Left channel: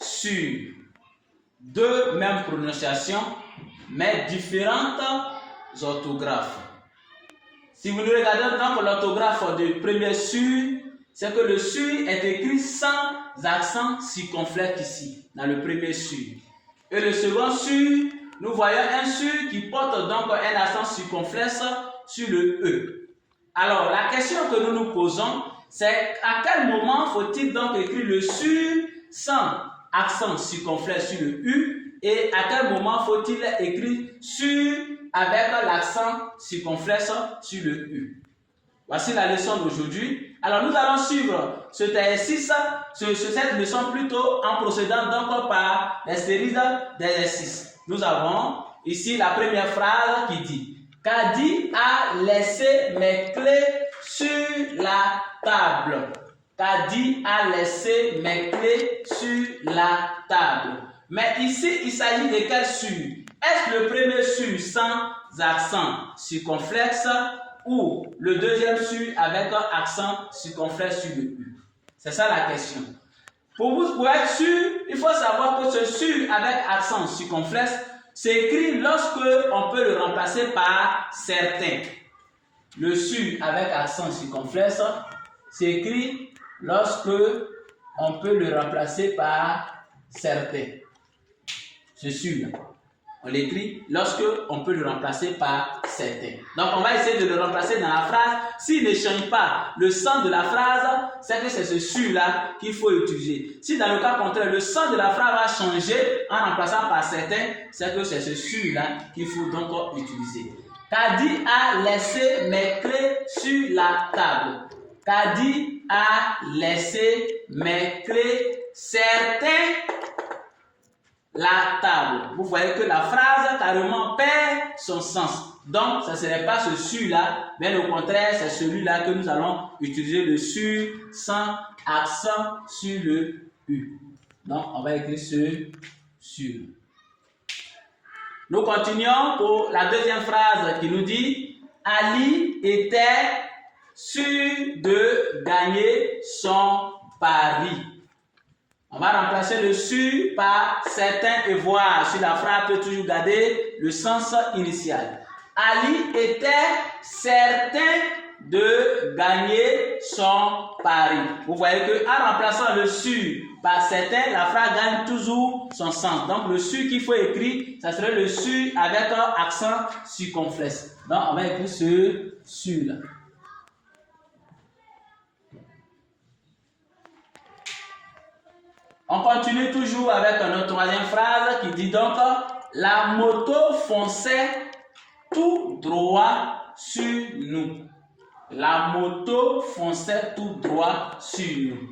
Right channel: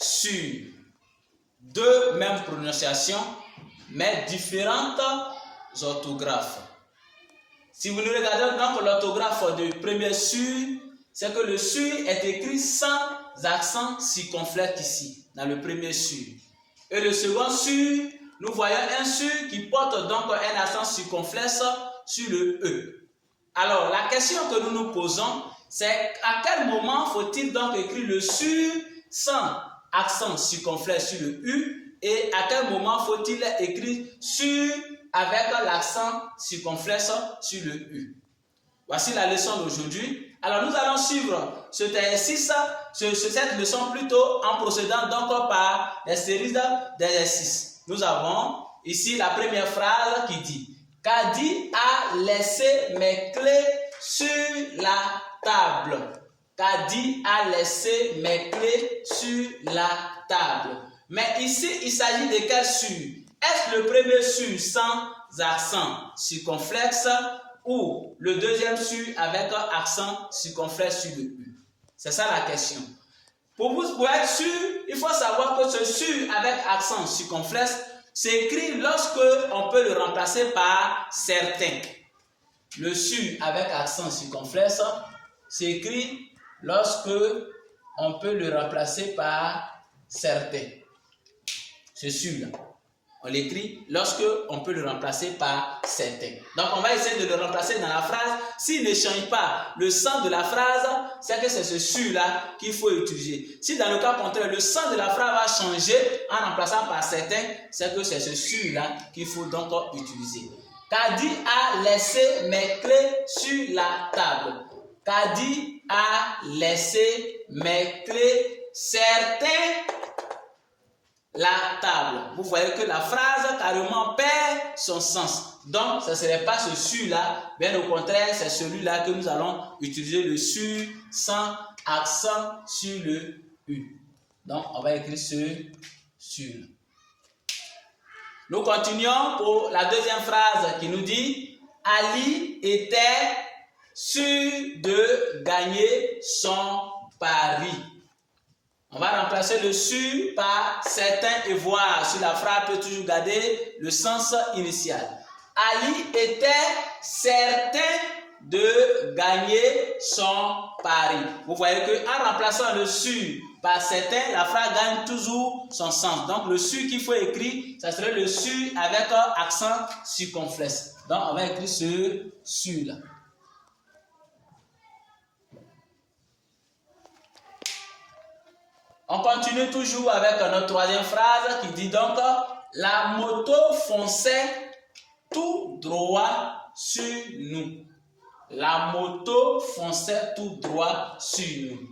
sur. Deux mêmes prononciations, mais différentes orthographes. Si vous nous regardez dans l'orthographe du premier sur, c'est que le sur est écrit sans accent circonflexe ici, dans le premier sur. Et le second sur, nous voyons un sur qui porte donc un accent circonflexe sur le E. Alors, la question que nous nous posons, c'est à quel moment faut-il donc écrire le sur sans accent circonflexe sur le U et à quel moment faut-il écrire sur avec l'accent circonflexe sur le U. Voici la leçon d'aujourd'hui. Alors nous allons suivre cet exercice, cette leçon plutôt en procédant donc par les séries d'exercices. Nous avons ici la première phrase qui dit « Kadi a laissé mes clés sur la table ». Kadi a laissé mes clés sur la table. Mais ici, il s'agit de quel sur? Est-ce le premier sur sans accent circonflexe ou le deuxième sur avec un accent circonflexe sur le U? C'est ça la question. Pour être sûr, il faut savoir que ce sur avec accent circonflexe s'écrit lorsque on peut le remplacer par certains. Le sur avec accent circonflexe s'écrit lorsque on peut le remplacer par certains. Ce sur-là, on l'écrit lorsque on peut le remplacer par certains. Donc on va essayer de le remplacer dans la phrase. S'il ne change pas le sens de la phrase, c'est que c'est ce sur-là qu'il faut utiliser. Si dans le cas contraire, le sens de la phrase va changer en remplaçant par certains, c'est que c'est ce sur-là qu'il faut donc utiliser. Kadi a laissé mes clés sur la table. Kadi a laissé mes clés certains la table. Vous voyez que la phrase carrément perd son sens. Donc, ce ne serait pas ce sur-là, bien au contraire, c'est celui-là que nous allons utiliser le sur sans accent sur le U. Donc, on va écrire ce sur. Nous continuons pour la deuxième phrase qui nous dit « Ali était sûr de gagner son pari ». On va remplacer le sur par certains et voir si la phrase peut toujours garder le sens initial. Ali était certain de gagner son pari. Vous voyez qu'en remplaçant le sur par certains, la phrase gagne toujours son sens. Donc le sur qu'il faut écrire, ça serait le sur avec un accent circonflexe. Donc on va écrire ce sur là. On continue toujours avec notre troisième phrase qui dit donc « La moto fonçait tout droit sur nous ». La moto fonçait tout droit sur nous.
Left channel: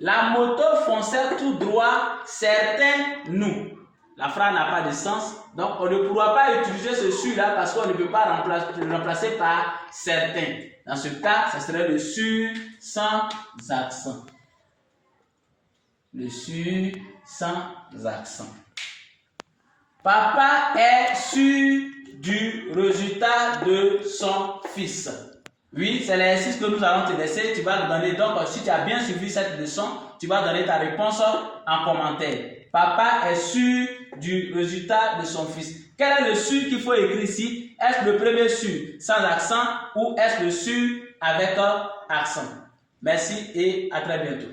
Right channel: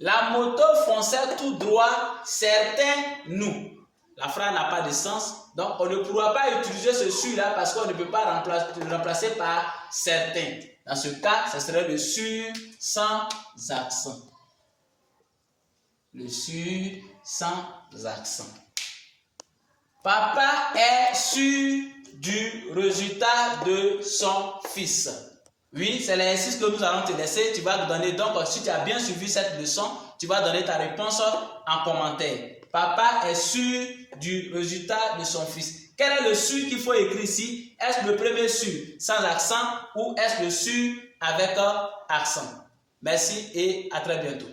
La moto fonçait tout droit, certains nous. La phrase n'a pas de sens, donc on ne pourra pas utiliser ce sur-là parce qu'on ne peut pas le remplacer par certains. Dans ce cas, ce serait le sur sans accent. Le sur sans accent. Papa est sûr du résultat de son fils. Oui, c'est l'exercice que nous allons te laisser. Tu vas te donner, donc si tu as bien suivi cette leçon, tu vas donner ta réponse en commentaire. Papa est sûr du résultat de son fils. Quel est le sur qu'il faut écrire ici? Est-ce le premier sur sans accent ou est-ce le sur avec un accent? Merci et à très bientôt.